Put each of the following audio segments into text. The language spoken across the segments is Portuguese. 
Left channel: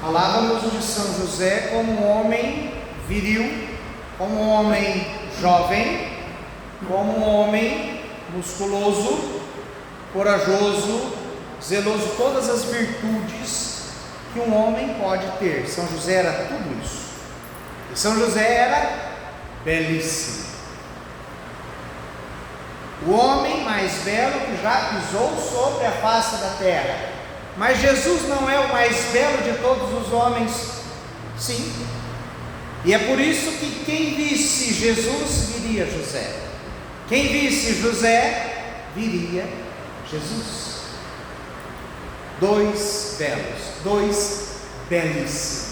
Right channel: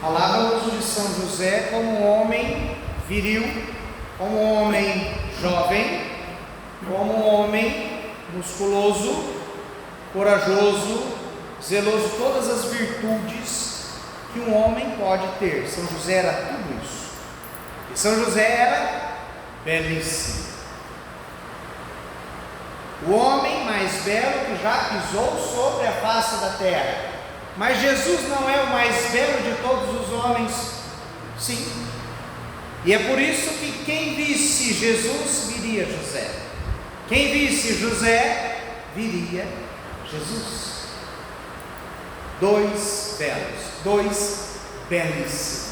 Falávamos de São José como um homem viril, como um homem jovem, como um homem musculoso, corajoso, zeloso, todas as virtudes que um homem pode ter. São José era tudo isso. E São José era belíssimo. O homem mais belo que já pisou sobre a face da terra. Mas Jesus não é o mais belo de todos os homens? Sim. E é por isso que quem visse Jesus, viria José. Quem visse José, viria Jesus. Dois belos, dois belíssimos.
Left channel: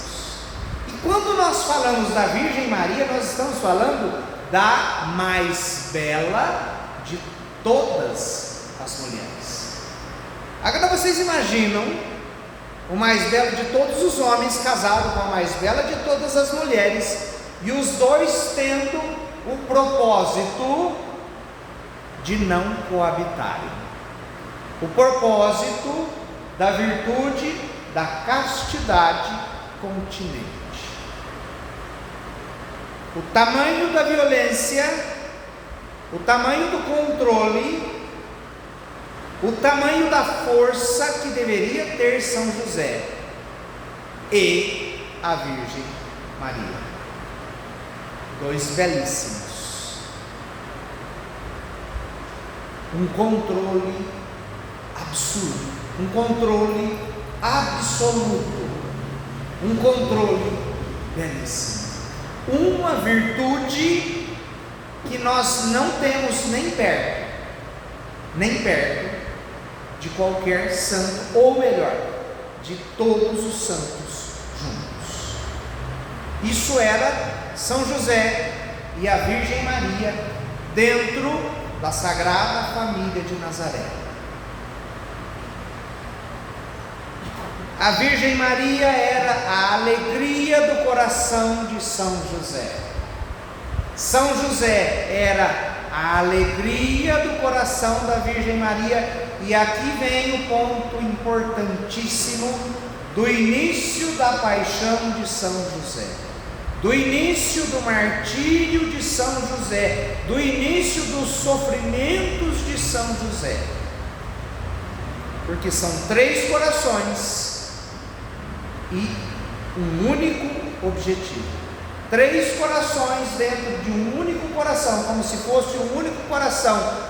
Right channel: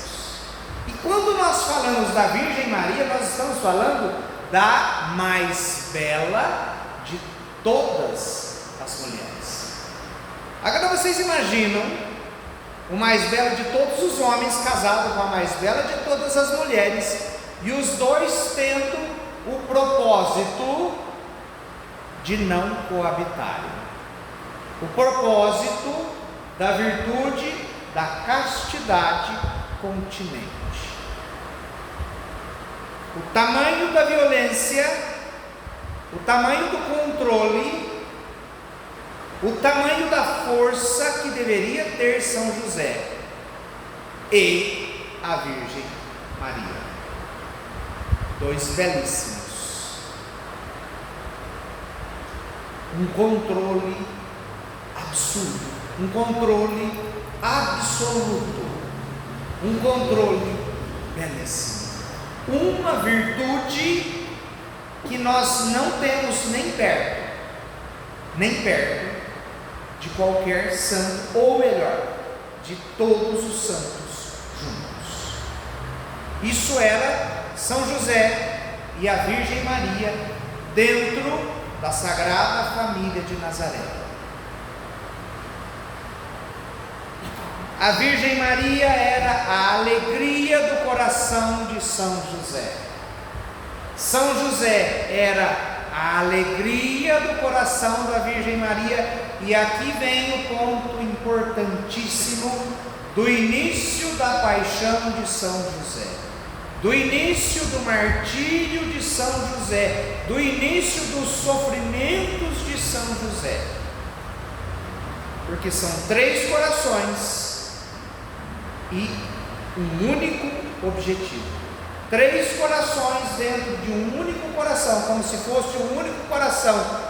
E quando nós falamos da Virgem Maria, nós estamos falando da mais bela de todas as mulheres. Agora vocês imaginam o mais belo de todos os homens casado com a mais bela de todas as mulheres, e os dois tendo o propósito de não coabitarem. O propósito da virtude da castidade continente. O tamanho da violência, o tamanho do controle, o tamanho da força que deveria ter São José e a Virgem Maria. Dois belíssimos. Um controle absurdo, um controle absoluto, um controle belíssimo. Uma virtude que nós não temos nem perto de qualquer santo, ou melhor, de todos os santos juntos. Isso era São José e a Virgem Maria dentro da Sagrada Família de Nazaré. A Virgem Maria era a alegria do coração de São José. São José era a alegria do coração da Virgem Maria. E aqui vem o ponto importantíssimo do início da paixão de São José, do início do martírio de São José, do início dos sofrimentos de São José. Porque são três corações e um único objetivo. Três corações dentro de um único coração, como se fosse um único coração.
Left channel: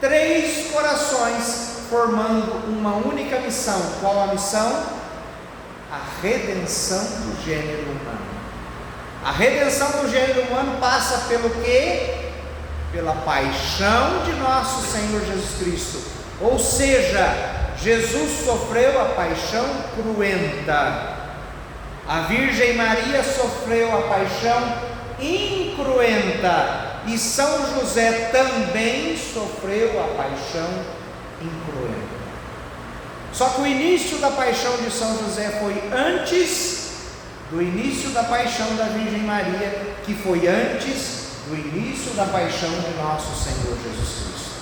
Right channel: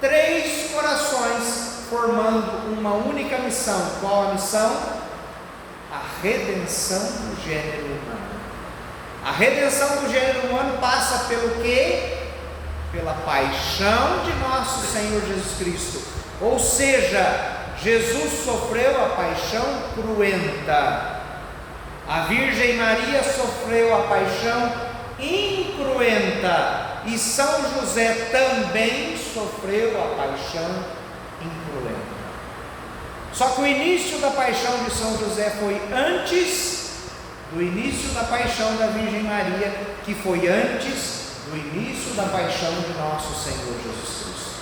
Três corações formando uma única missão. Qual a missão? A redenção do gênero humano. A redenção do gênero humano passa pelo quê? Pela paixão de nosso Senhor Jesus Cristo. Ou seja, Jesus sofreu a paixão cruenta. A Virgem Maria sofreu a paixão incruenta. E São José também sofreu a paixão incruenta. Só que o início da paixão de São José foi antes do início da paixão da Virgem Maria, que foi antes do início da paixão de nosso Senhor Jesus Cristo.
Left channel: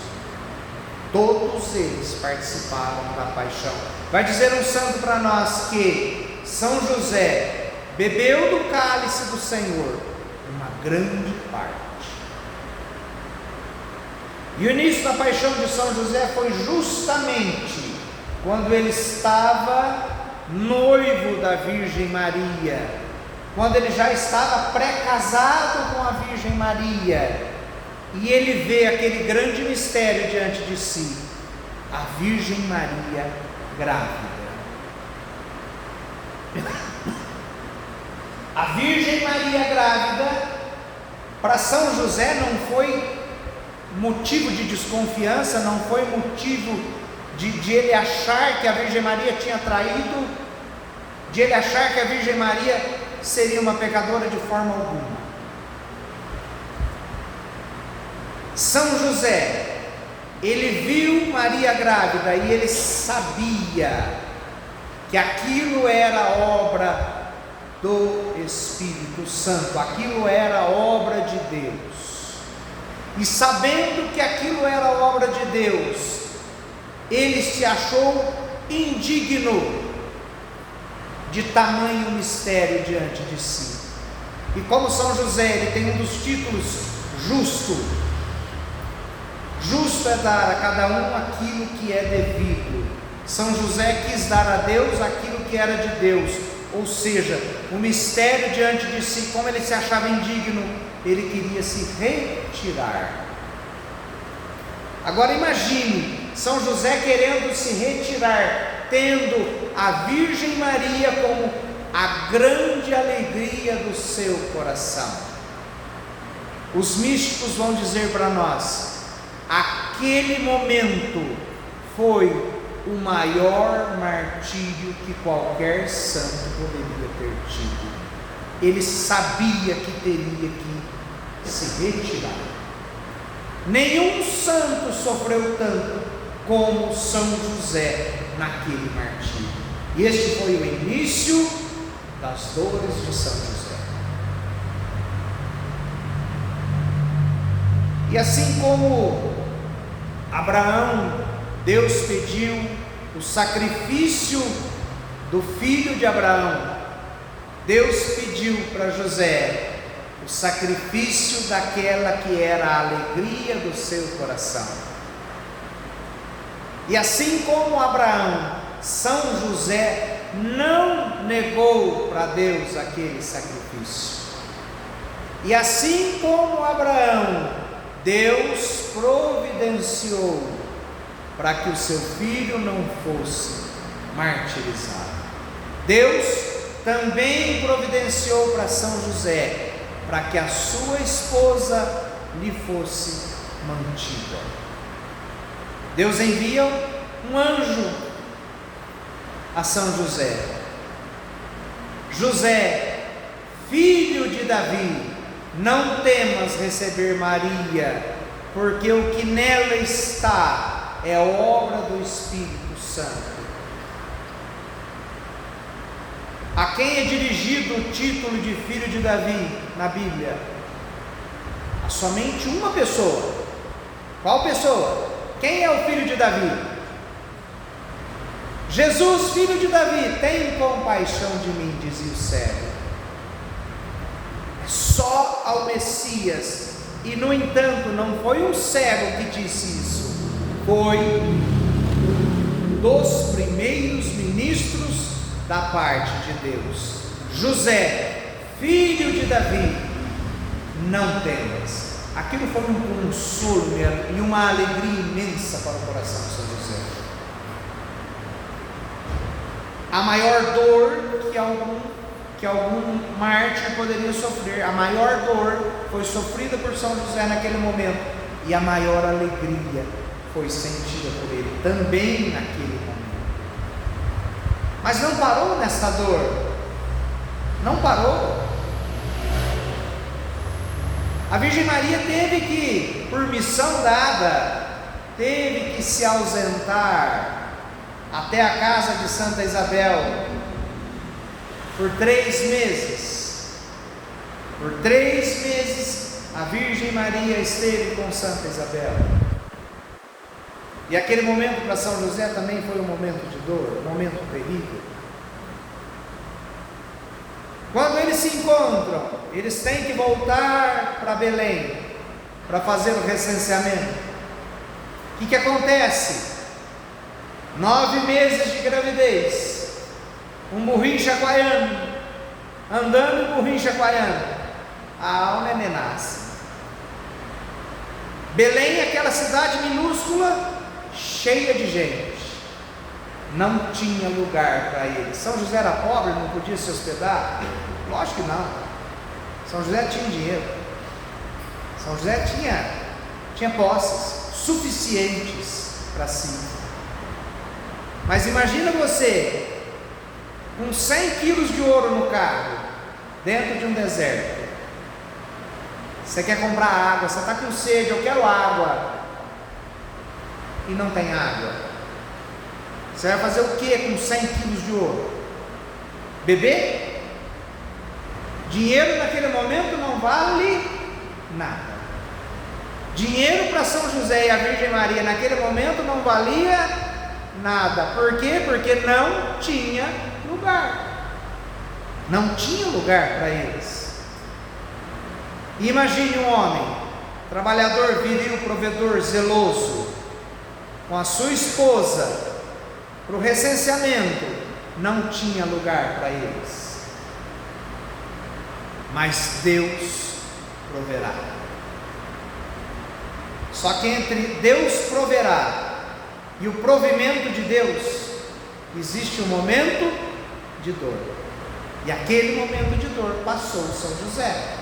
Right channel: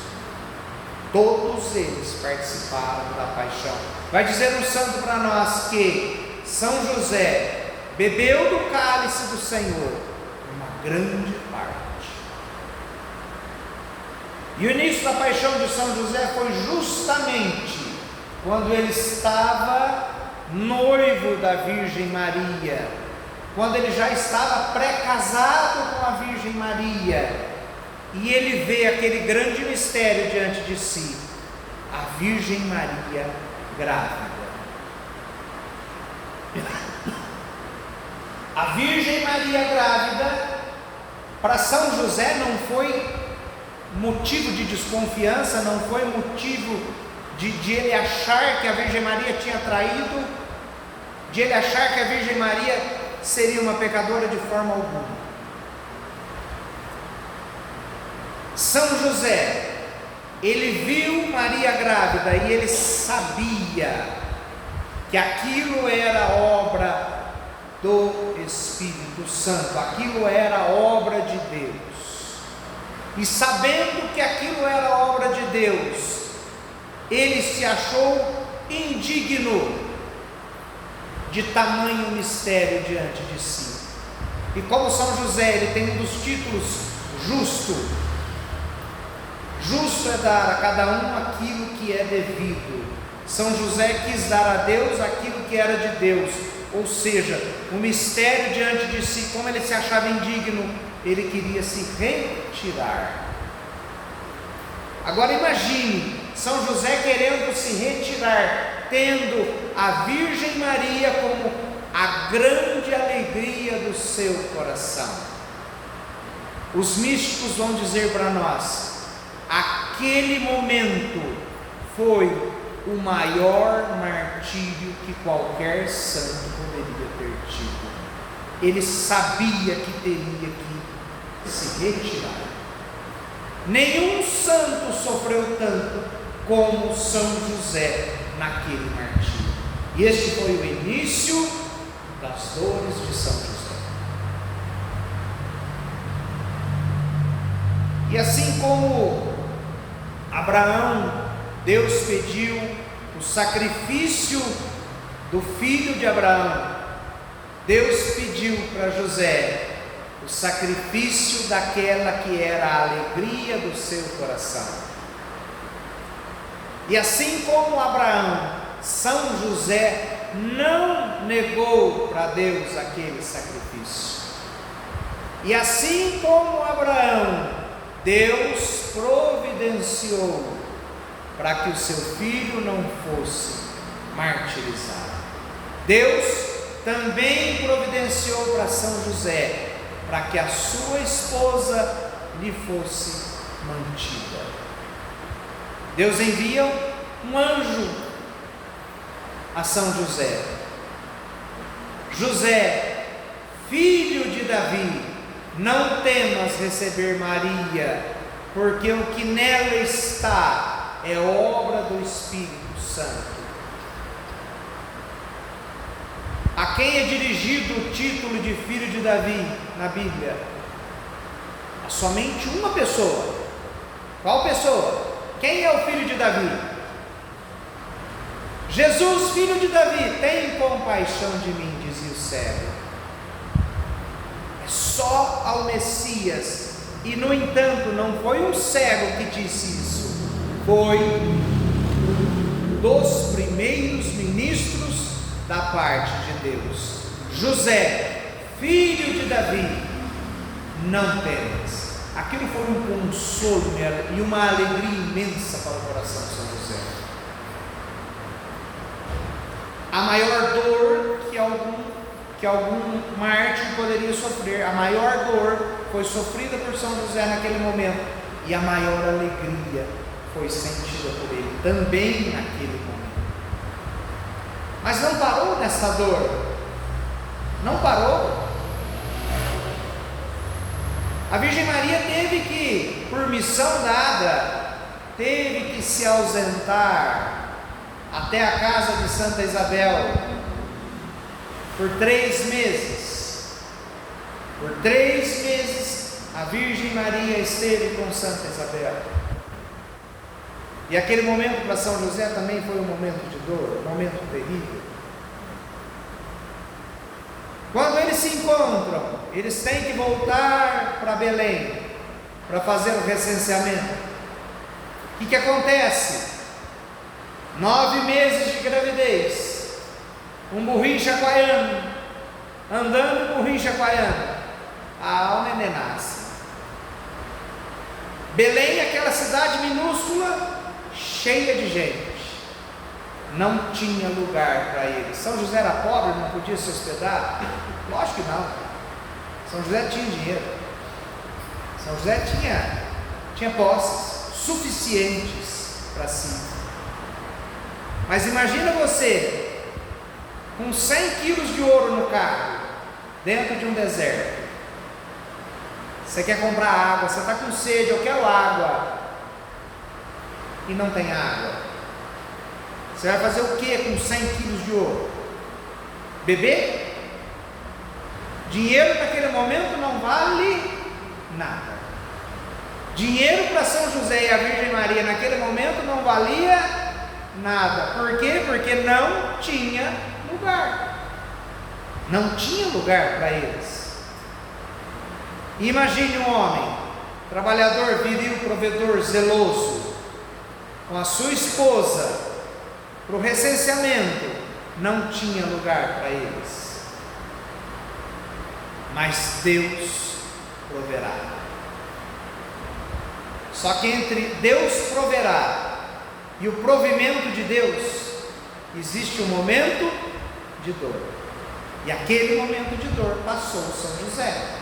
Todos eles participaram da paixão. Vai dizer um santo para nós que São José bebeu do cálice do Senhor uma grande parte. E o início da paixão de São José foi justamente quando ele estava noivo da Virgem Maria, quando ele já estava pré-casado com a Virgem Maria, e ele vê aquele grande mistério diante de si, a Virgem Maria grávida. A Virgem Maria grávida, para São José não foi motivo de desconfiança, não foi motivo de ele achar que a Virgem Maria tinha traído, de ele achar que a Virgem Maria seria uma pecadora de forma alguma. São José, ele viu Maria grávida e ele sabia que aquilo era obra do Espírito Santo, aquilo era obra de Deus. E sabendo que aquilo era obra de Deus, ele se achou indigno de tamanho mistério diante de si. E como São José, ele tem um dos títulos, justo. Justo é dar a cada um aquilo que é devido. São José quis dar a Deus aquilo que era de Deus, ou seja, o mistério diante de si, como ele se achava indigno, ele queria se retirar. Agora imagine, São José querendo se retirar, tendo a Virgem Maria como a grande alegria do seu coração. Os místicos vão dizer para nós, aquele momento foi o maior martírio que qualquer santo poderia ter tido. Ele sabia que teria que se retirar. Nenhum santo sofreu tanto como São José naquele martírio. E este foi o início das dores de São José. E assim como Abraão, Deus pediu o sacrifício do filho de Abraão, Deus pediu para José o sacrifício daquela que era a alegria do seu coração. E assim como Abraão, São José não negou para Deus aquele sacrifício. E assim como Abraão, Deus providenciou para que o seu filho não fosse martirizado. Deus também providenciou para São José para que a sua esposa lhe fosse mantida. Deus envia um anjo a São José. José, filho de Davi, não temas receber Maria, porque o que nela está é obra do Espírito Santo. A quem é dirigido o título de filho de Davi na Bíblia? A somente uma pessoa. Qual pessoa? Quem é o filho de Davi? Jesus, filho de Davi, tem compaixão de mim, dizia o cego. É só ao Messias. E no entanto, não foi um cego que disse isso, foi um dos primeiros ministros da parte de Deus. José, filho de Davi, não temas. Aquilo foi um consolo e uma alegria imensa para o coração de São José. A maior dor que algum mártir poderia sofrer, a maior dor foi sofrida por São José naquele momento, e a maior alegria foi sentida por ele também naquele momento. Mas não parou nessa dor, não parou. A Virgem Maria teve que, por missão dada, teve que se ausentar até a casa de Santa Isabel por 3 meses. Por 3 meses a Virgem Maria esteve com Santa Isabel. E aquele momento para São José também foi um momento de dor, um momento terrível. Quando eles se encontram, eles têm que voltar para Belém para fazer o recenseamento. O que acontece? 9 meses de gravidez, um burrinho chacoalhando, andando e burrinho chacoalhando, o neném nasce. Belém, aquela cidade minúscula, cheia de gente, não tinha lugar para eles. São José era pobre, não podia se hospedar? Lógico que não. São José tinha dinheiro, São José tinha posses suficientes para si. Mas imagina você com 100 quilos de ouro no carro, dentro de um deserto. Você quer comprar água, você está com sede, eu quero água, e não tem água. Você vai fazer o que com 100 quilos de ouro? Beber? Dinheiro naquele momento não vale nada. Dinheiro para São José e a Virgem Maria naquele momento não valia nada. Por quê? Porque não tinha lugar. Não tinha lugar para eles. Imagine um homem, trabalhador, viril, provedor, zeloso, com a sua esposa, para o recenseamento, não tinha lugar para eles. Mas Deus proverá. Só que entre Deus proverá e o provimento de Deus, existe um momento de dor. E aquele momento de dor passou São José.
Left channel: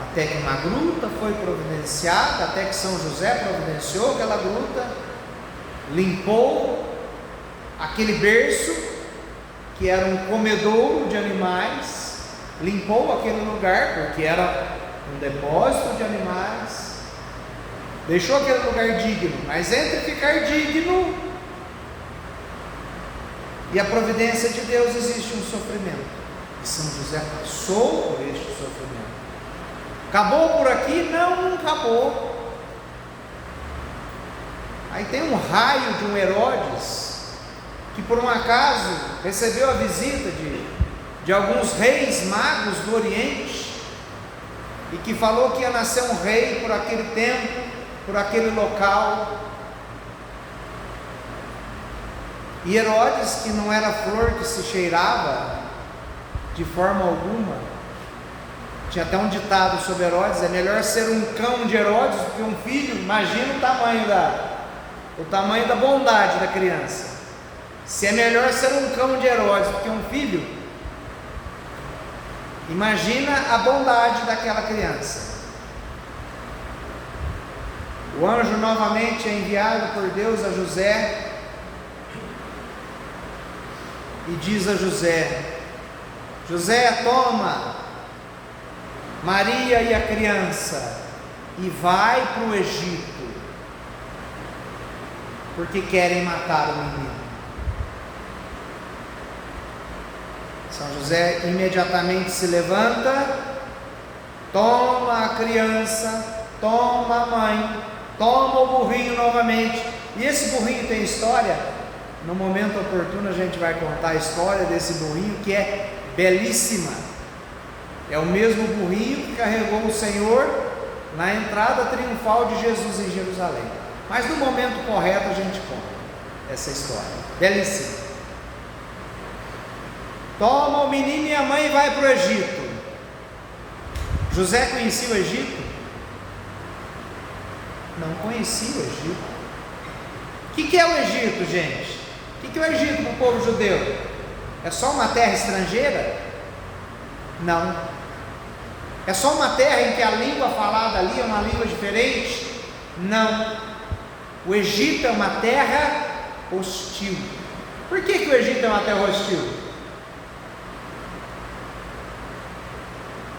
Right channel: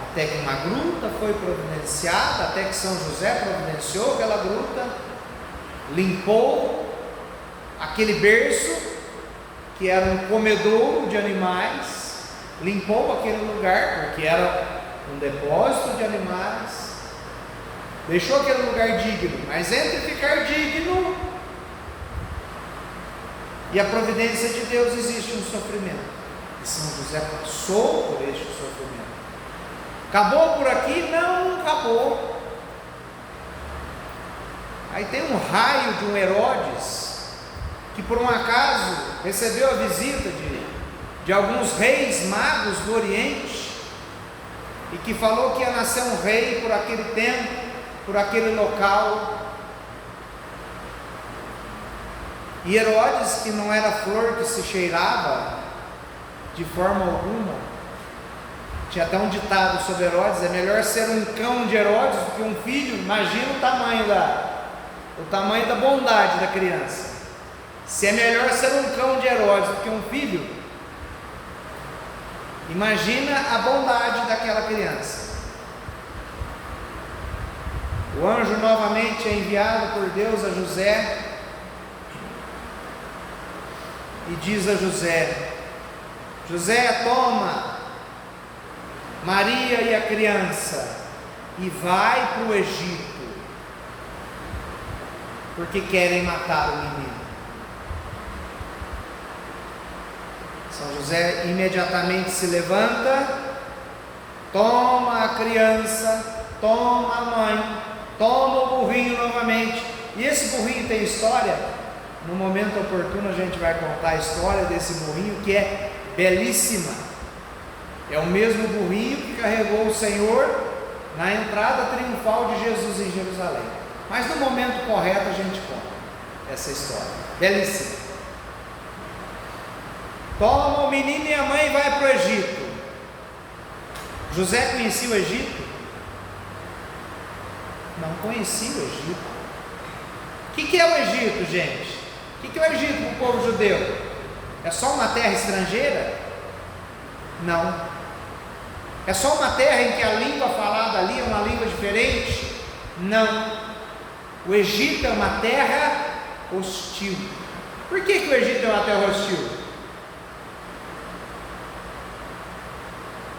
Até que uma gruta foi providenciada, até que São José providenciou aquela gruta, limpou aquele berço, que era um comedouro de animais, limpou aquele lugar, porque era um depósito de animais, deixou aquele lugar digno, mas entre ficar digno e a providência de Deus existe um sofrimento, e São José passou por este sofrimento. Acabou por aqui? Não acabou. Aí tem um raio de um Herodes, que por um acaso recebeu a visita de alguns reis magos do Oriente, e que falou que ia nascer um rei por aquele tempo, por aquele local. E Herodes, que não era flor que se cheirava de forma alguma, tinha até um ditado sobre Herodes: é melhor ser um cão de Herodes do que um filho. Imagina o tamanho da bondade da criança. Se é melhor ser um cão de Herodes do que um filho, imagina a bondade daquela criança. O anjo novamente é enviado por Deus a José e diz a José: José, toma Maria e a criança e vai para o Egito, porque querem matar o menino. São José imediatamente se levanta, toma a criança, toma a mãe, toma o burrinho novamente. E esse burrinho tem história. No momento oportuno a gente vai contar a história desse burrinho, que é belíssima. É o mesmo burrinho que carregou o Senhor na entrada triunfal de Jesus em Jerusalém. Mas no momento correto a gente conta essa história, belíssima. Toma o menino e a mãe e vai para o Egito. José conhecia o Egito? Não conhecia o Egito. O que é o Egito, gente? O que é o Egito para o povo judeu? É só uma terra estrangeira? Não. É só uma terra em que a língua falada ali é uma língua diferente? Não. O Egito é uma terra hostil. Por que o Egito é uma terra hostil?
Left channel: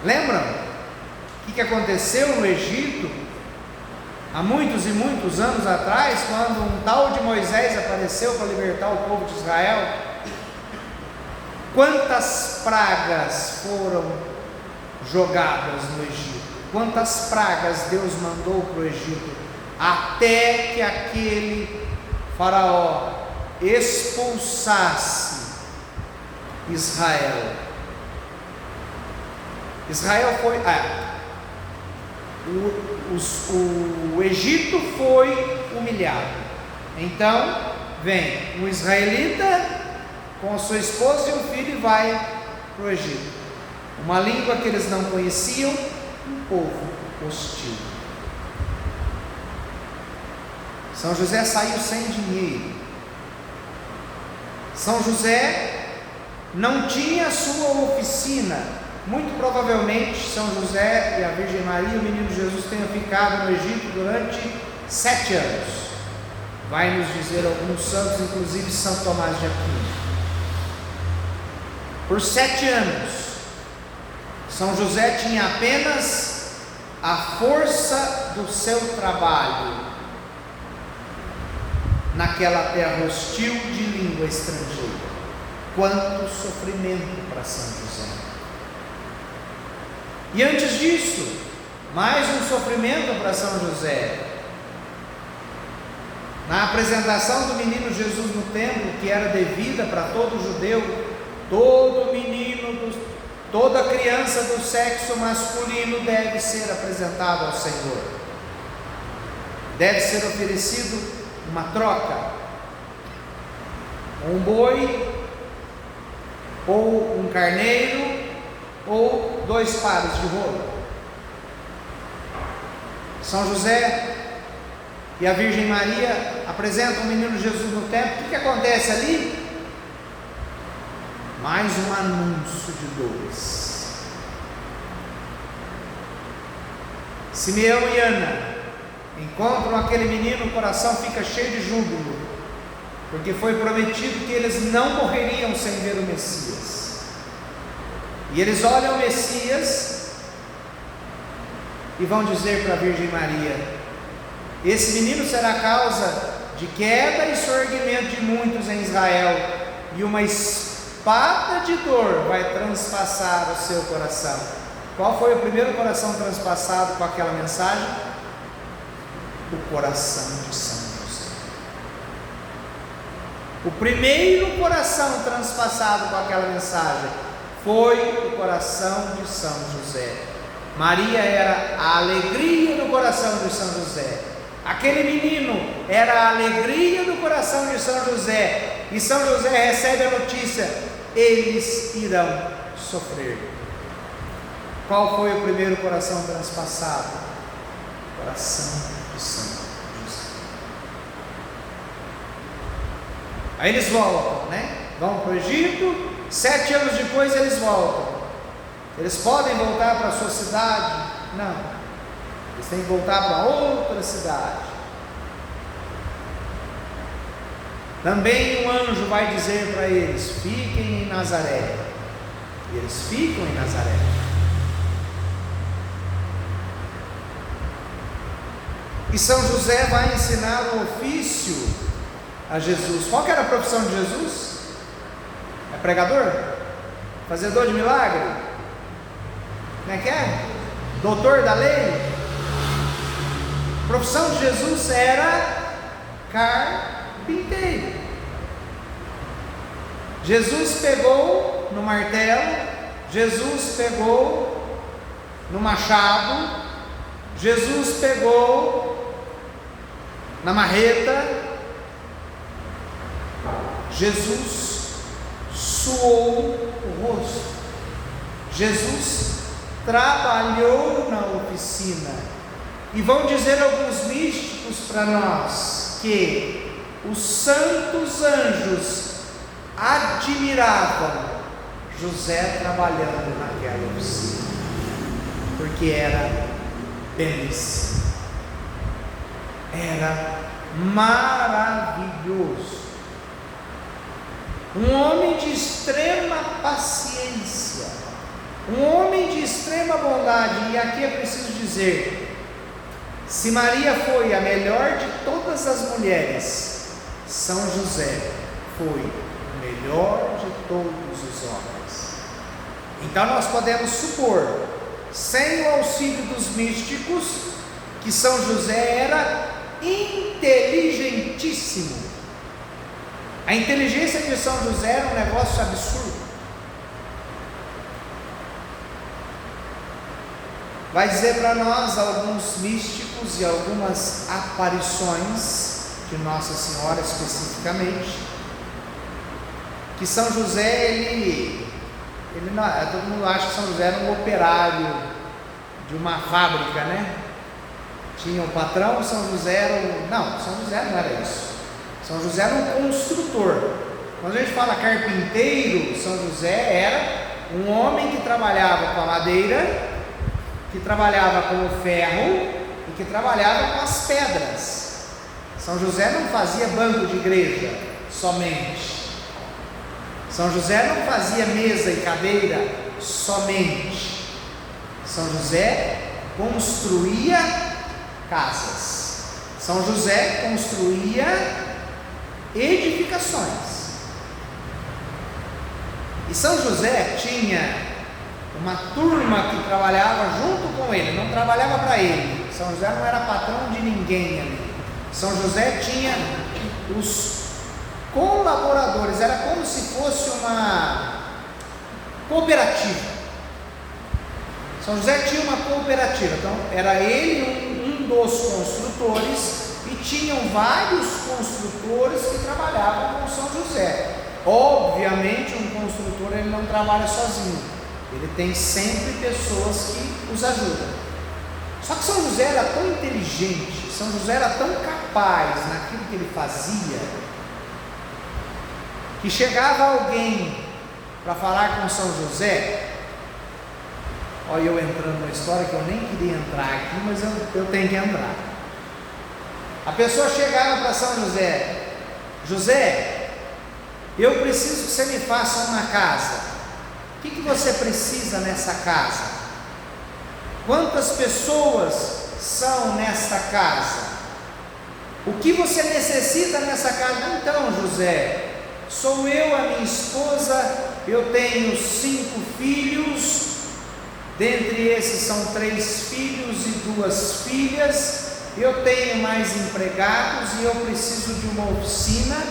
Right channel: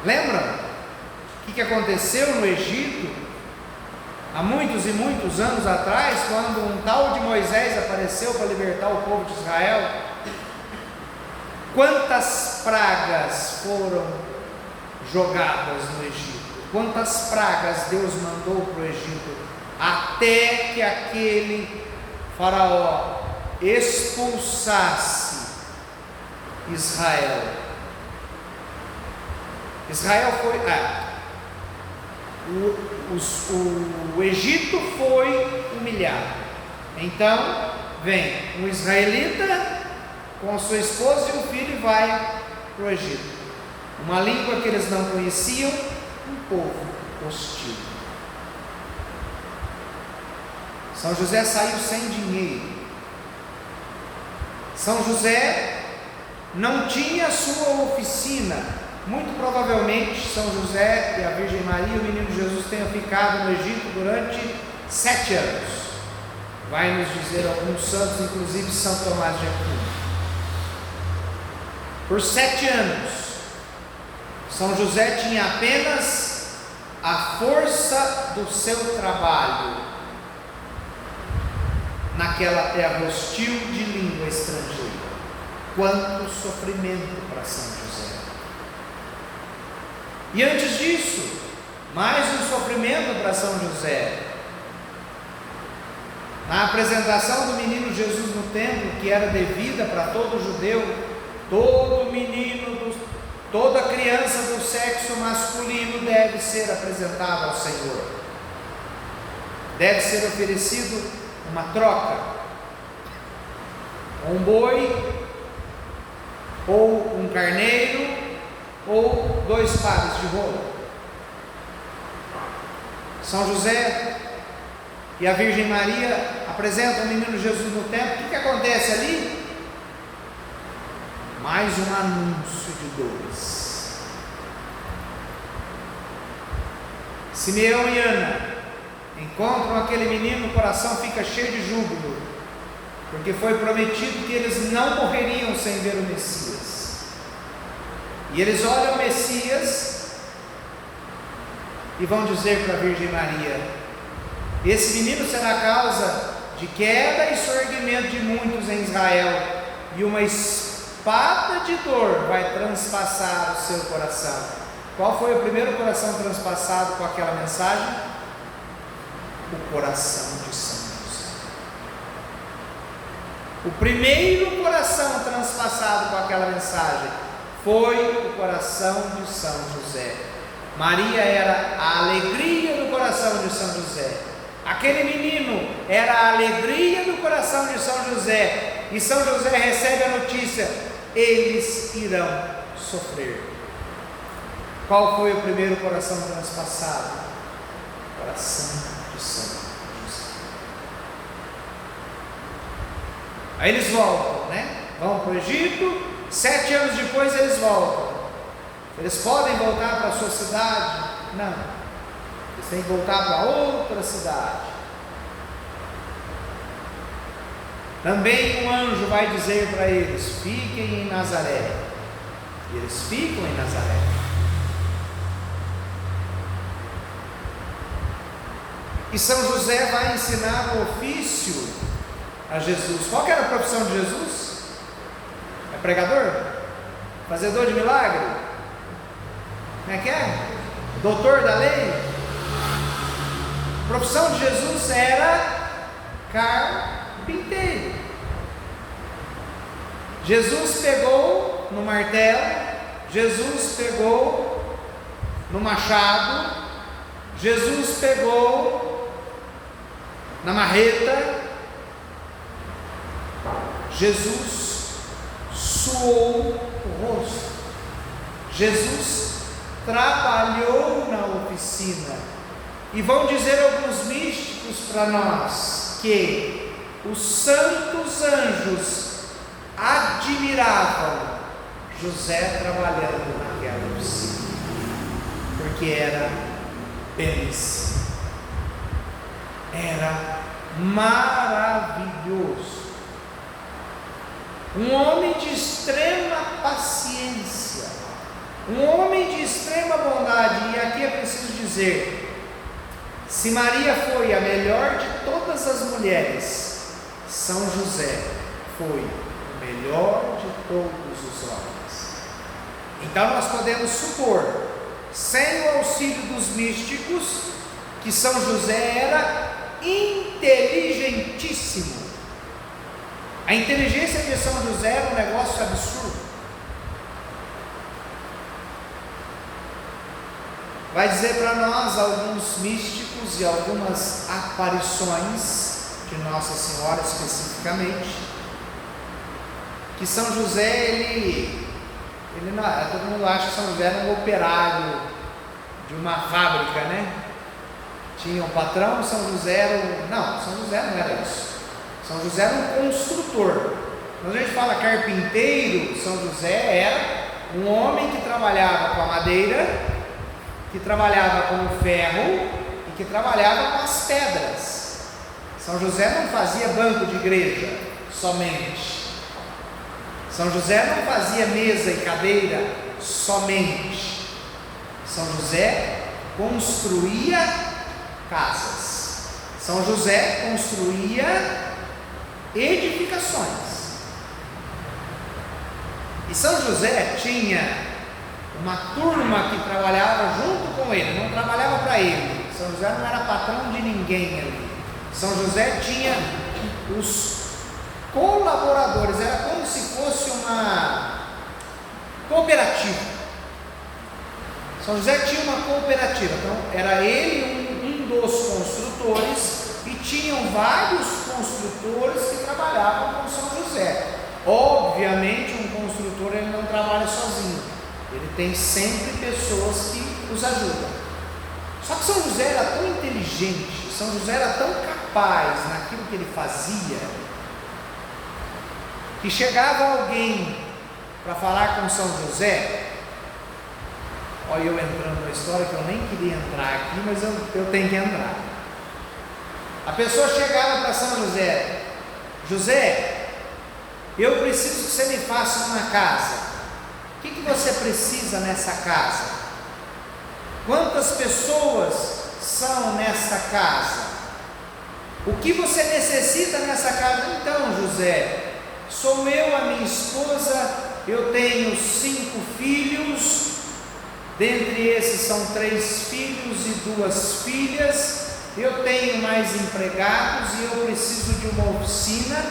Lembram o que aconteceu no Egito há muitos e muitos anos atrás, quando um tal de Moisés apareceu para libertar o povo de Israel? Quantas pragas foram jogadas no Egito? Quantas pragas Deus mandou para o Egito, até que aquele faraó expulsasse Israel? Israel foi, o Egito foi humilhado. Então vem um israelita com sua esposa e um filho e vai para o Egito. Uma língua que eles não conheciam, um povo hostil. São José saiu sem dinheiro. São José não tinha sua oficina. Muito provavelmente São José e a Virgem Maria, o menino Jesus, tenham ficado no Egito durante 7 anos. Vai nos dizer alguns santos, inclusive São Tomás de Aquino. Por 7 anos, São José tinha apenas a força do seu trabalho naquela terra hostil de língua estrangeira. Quanto sofrimento para São José! E antes disso, mais um sofrimento para São José. Na apresentação do menino Jesus no templo, que era devida para todo judeu, todo menino, toda criança do sexo masculino deve ser apresentado ao Senhor. Deve ser oferecido uma troca, um boi, ou um carneiro, ou 2 pares de rola. São José e a Virgem Maria apresentam o menino Jesus no templo. O que acontece ali? Mais um anúncio de dores. Simeão e Ana encontram aquele menino, o coração fica cheio de júbilo, porque foi prometido que eles não morreriam sem ver o Messias. E eles olham o Messias e vão dizer para a Virgem Maria: esse menino será causa de queda e surgimento de muitos em Israel, e uma espada de dor vai transpassar o seu coração. Qual foi o primeiro coração transpassado com aquela mensagem? O coração de São José. O primeiro coração transpassado com aquela mensagem foi o coração de São José. Maria era a alegria do coração de São José. Aquele menino era a alegria do coração de São José. E São José recebe a notícia: eles irão sofrer. Qual foi o primeiro coração transpassado? O coração de São José. Aí eles voltam, vão para o Egito. 7 anos depois eles voltam. Eles podem voltar para a sua cidade? Não, eles têm que voltar para outra cidade. Também um anjo vai dizer para eles: fiquem em Nazaré. E eles ficam em Nazaré. E São José vai ensinar o ofício a Jesus. Qual que era a profissão de Jesus? É pregador? Fazedor de milagre? Como é que é? Doutor da lei? A profissão de Jesus era carpinteiro. Jesus pegou no martelo, Jesus pegou no machado, Jesus pegou na marreta, Jesus suou o rosto, Jesus trabalhou na oficina. E vão dizer alguns místicos para nós que os santos anjos admiravam José trabalhando naquela oficina, porque era belíssimo, era maravilhoso, um homem de extrema paciência, um homem de extrema bondade. E aqui é preciso dizer: se Maria foi a melhor de todas as mulheres, São José foi o melhor de todos os homens. Então nós podemos supor, sem o auxílio dos místicos, que São José era inteligentíssimo. A inteligência de São José era um negócio absurdo. Vai dizer para nós alguns místicos e algumas aparições de Nossa Senhora especificamente, que São José, ele não, todo mundo acha que São José era um operário de uma fábrica, Tinha um patrão, São José era não, São José não era isso. São José era um construtor. Quando a gente fala carpinteiro, São José era um homem que trabalhava com a madeira, que trabalhava com o ferro e que trabalhava com as pedras. São José não fazia banco de igreja somente. São José não fazia mesa e cadeira somente. São José construía casas. São José construía edificações. E São José tinha uma turma que trabalhava junto com ele, não trabalhava para ele. São José não era patrão de ninguém ali. São José tinha os colaboradores, era como se fosse Cooperativa. São José tinha uma cooperativa, então era ele um dos construtores, e tinham vários construtores que trabalhavam com São José. Obviamente, um construtor ele não trabalha sozinho, ele tem sempre pessoas que os ajudam. Só que São José era tão inteligente, São José era tão capaz naquilo que ele fazia, que chegava alguém para falar com São José. Olha, eu entrando na história que eu nem queria entrar aqui, mas eu tenho que entrar. A pessoa chegava para São José: José, eu preciso que você me faça uma casa. O que você precisa nessa casa? Quantas pessoas são nesta casa? O que você necessita nessa casa? Então, José, sou eu, a minha esposa, eu tenho 5 filhos. Dentre esses são 3 filhos e 2 filhas. Eu tenho mais empregados e eu preciso de uma oficina.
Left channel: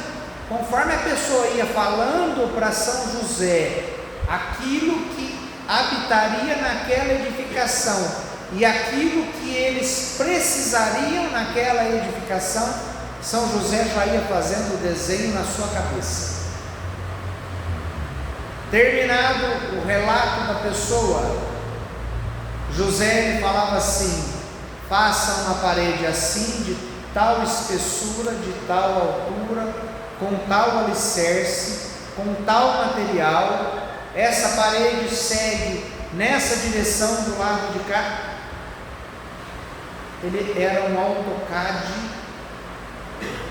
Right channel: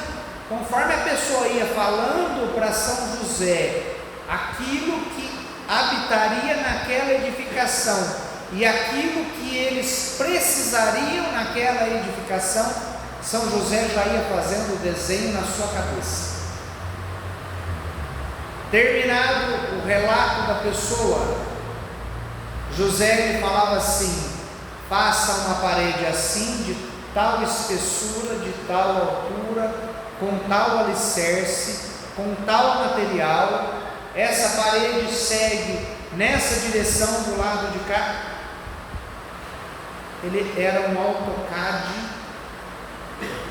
Conforme a pessoa ia falando para São José aquilo que habitaria naquela edificação e aquilo que eles precisariam naquela edificação, São José já ia fazendo o desenho na sua cabeça. Terminado o relato da pessoa, José ele falava assim: faça uma parede assim, de tal espessura, de tal altura, com tal alicerce, com tal material. Essa parede segue nessa direção do lado de cá. Ele era um AutoCAD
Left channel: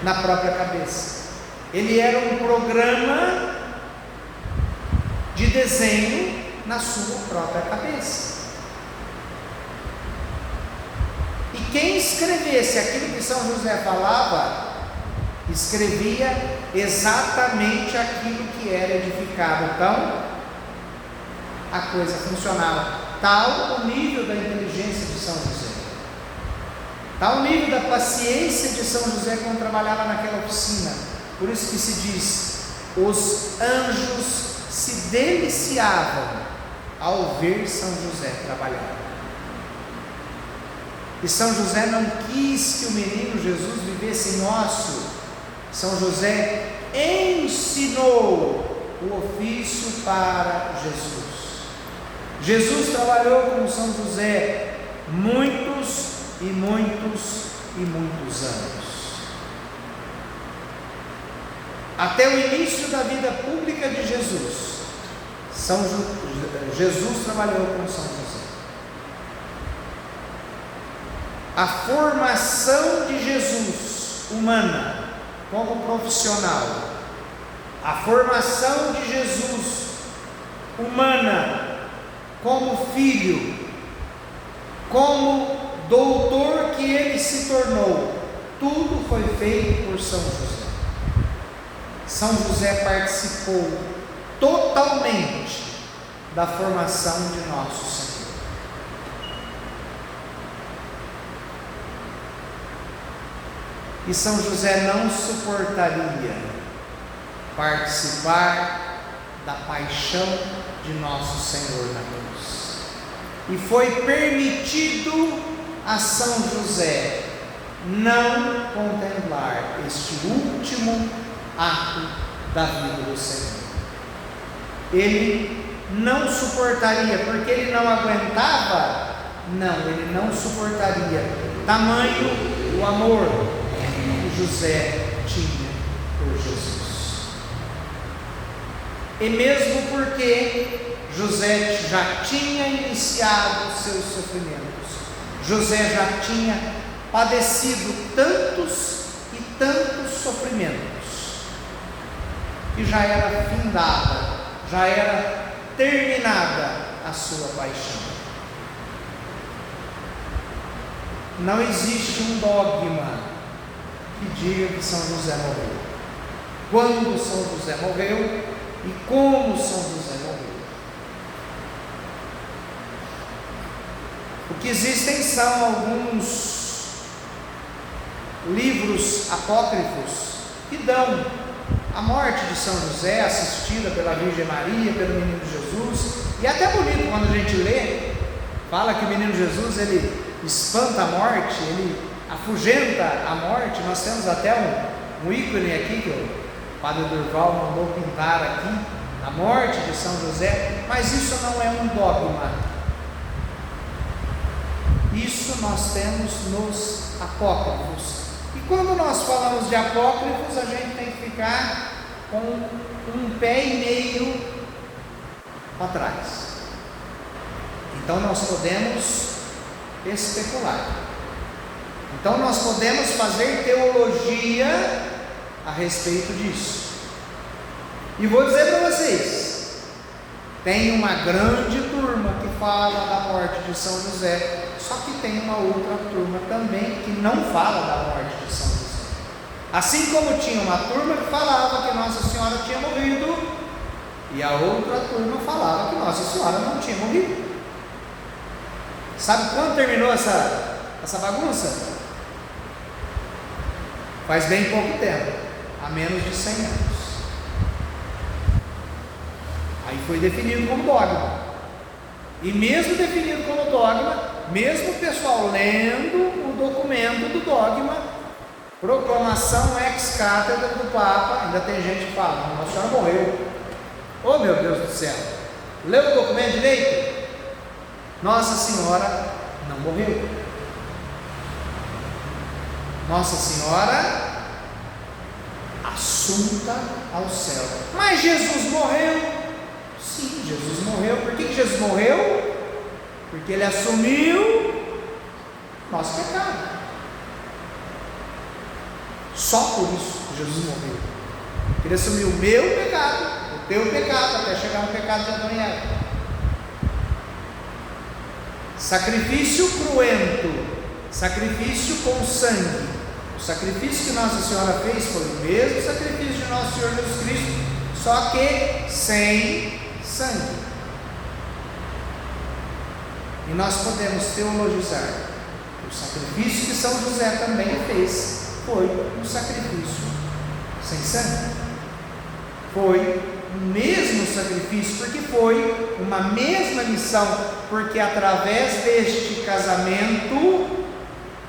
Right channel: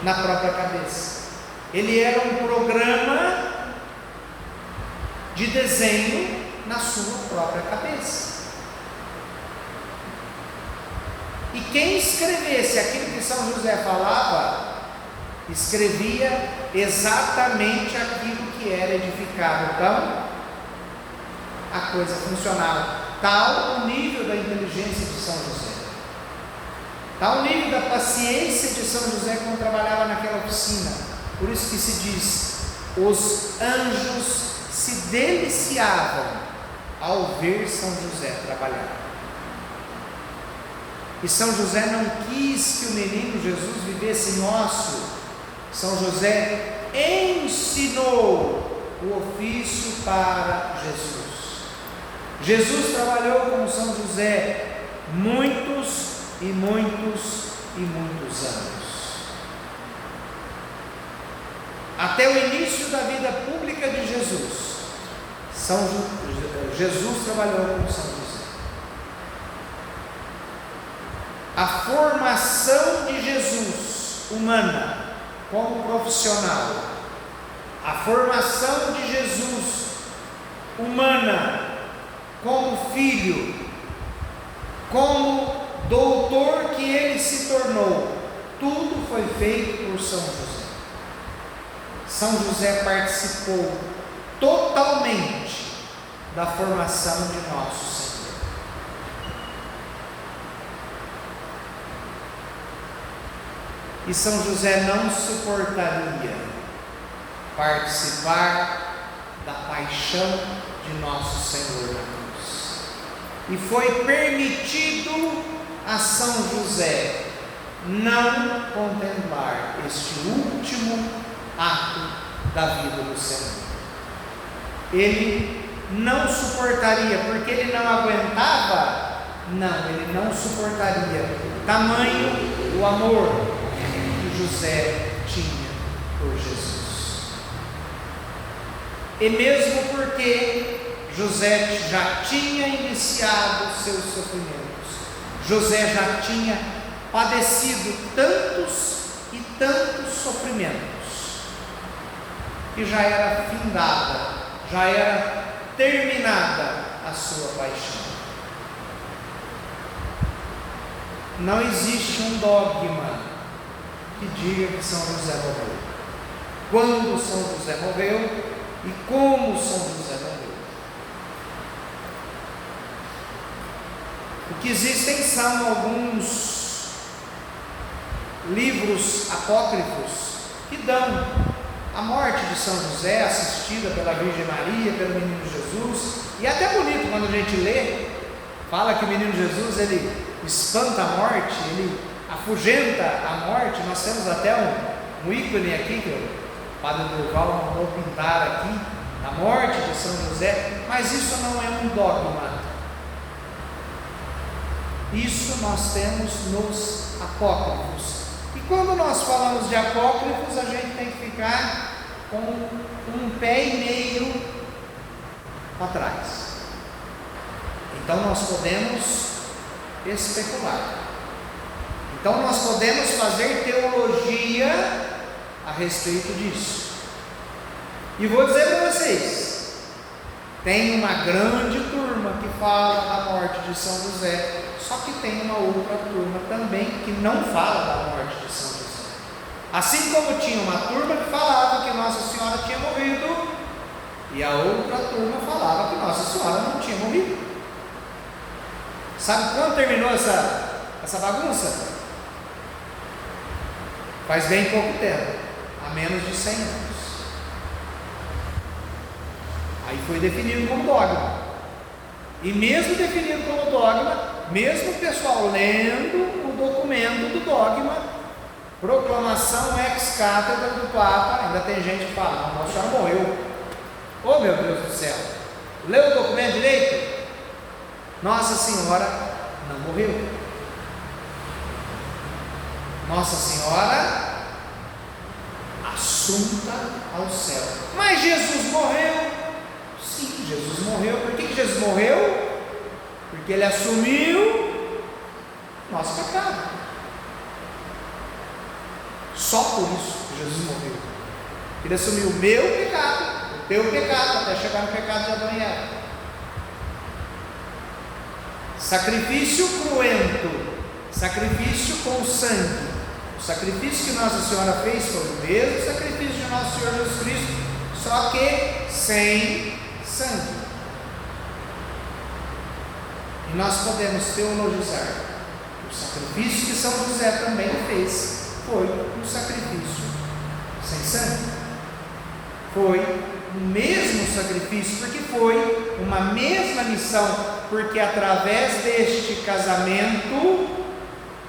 na própria cabeça. Ele era um programa de desenho na sua própria cabeça. E quem escrevesse aquilo que São José falava, escrevia exatamente aquilo que era edificado. Então, a coisa funcionava. Tal o nível da inteligência de São José, tal o nível da paciência de São José quando trabalhava naquela oficina. Por isso que se diz: os anjos se deliciavam ao ver São José trabalhar. E São José não quis que o menino Jesus vivesse em ócio. São José ensinou o ofício para Jesus. Jesus trabalhou com São José muitos e muitos e muitos anos. Até o início da vida pública de Jesus, Jesus trabalhou com São José. A formação de Jesus humana como profissional, a formação de Jesus humana como filho, como doutor que ele se tornou, tudo foi feito por São José. São José participou totalmente da formação de nosso Senhor. E São José não suportaria participar da paixão de nosso Senhor na cruz. E foi permitido a São José não contemplar este último ato da vida do Senhor. Ele não suportaria, porque ele não aguentava. Não, ele não suportaria tamanho o amor que José tinha por Jesus. E mesmo porque José já tinha iniciado seus sofrimentos, José já tinha padecido tantos e tantos sofrimentos, que já era findada, já era terminada a sua paixão. Não existe um dogma que diga que São José morreu, quando São José morreu e como São José morreu. O que existem são alguns livros apócrifos que dão a morte de São José, assistida pela Virgem Maria, pelo menino Jesus, e é até bonito quando a gente lê, fala que o menino Jesus, ele espanta a morte, ele afugenta a morte. Nós temos até um ícone aqui, que o Padre Durval mandou pintar aqui, a morte de São José, mas isso não é um dogma, isso nós temos nos apócrifos. E quando nós falamos de apócrifos, a gente tem que ficar com um pé e meio para trás. Então nós podemos especular, então nós podemos fazer teologia a respeito disso. E vou dizer para vocês, tem uma grande turma que fala da morte de São José, só que tem uma outra turma também que não fala da morte de São José. Assim como tinha uma turma que falava que Nossa Senhora tinha morrido, e a outra turma falava que Nossa Senhora não tinha morrido. Sabe quando terminou essa bagunça? Faz bem pouco tempo, há menos de 100 anos. Aí foi definido como dogma. E mesmo definido como dogma, mesmo o pessoal lendo o documento do dogma, proclamação ex cátedra do Papa, ainda tem gente que fala, não, Nossa Senhora morreu. Oh meu Deus do céu, leu o documento direito? Nossa Senhora não morreu. Nossa Senhora assunta ao céu. Mas Jesus morreu. Sim, Jesus morreu. Por que Jesus morreu? Porque Ele assumiu nosso pecado. Só por isso que Jesus morreu. Ele assumiu o meu pecado, o teu pecado, até chegar no pecado de Adão e Eva. Sacrifício cruento, sacrifício com sangue. O sacrifício que Nossa Senhora fez foi o mesmo sacrifício de Nosso Senhor Jesus Cristo, só que sem sangue. E nós podemos teologizar. O sacrifício que São José também fez foi um sacrifício sem sangue. Foi o mesmo sacrifício, porque foi uma mesma missão, porque através deste casamento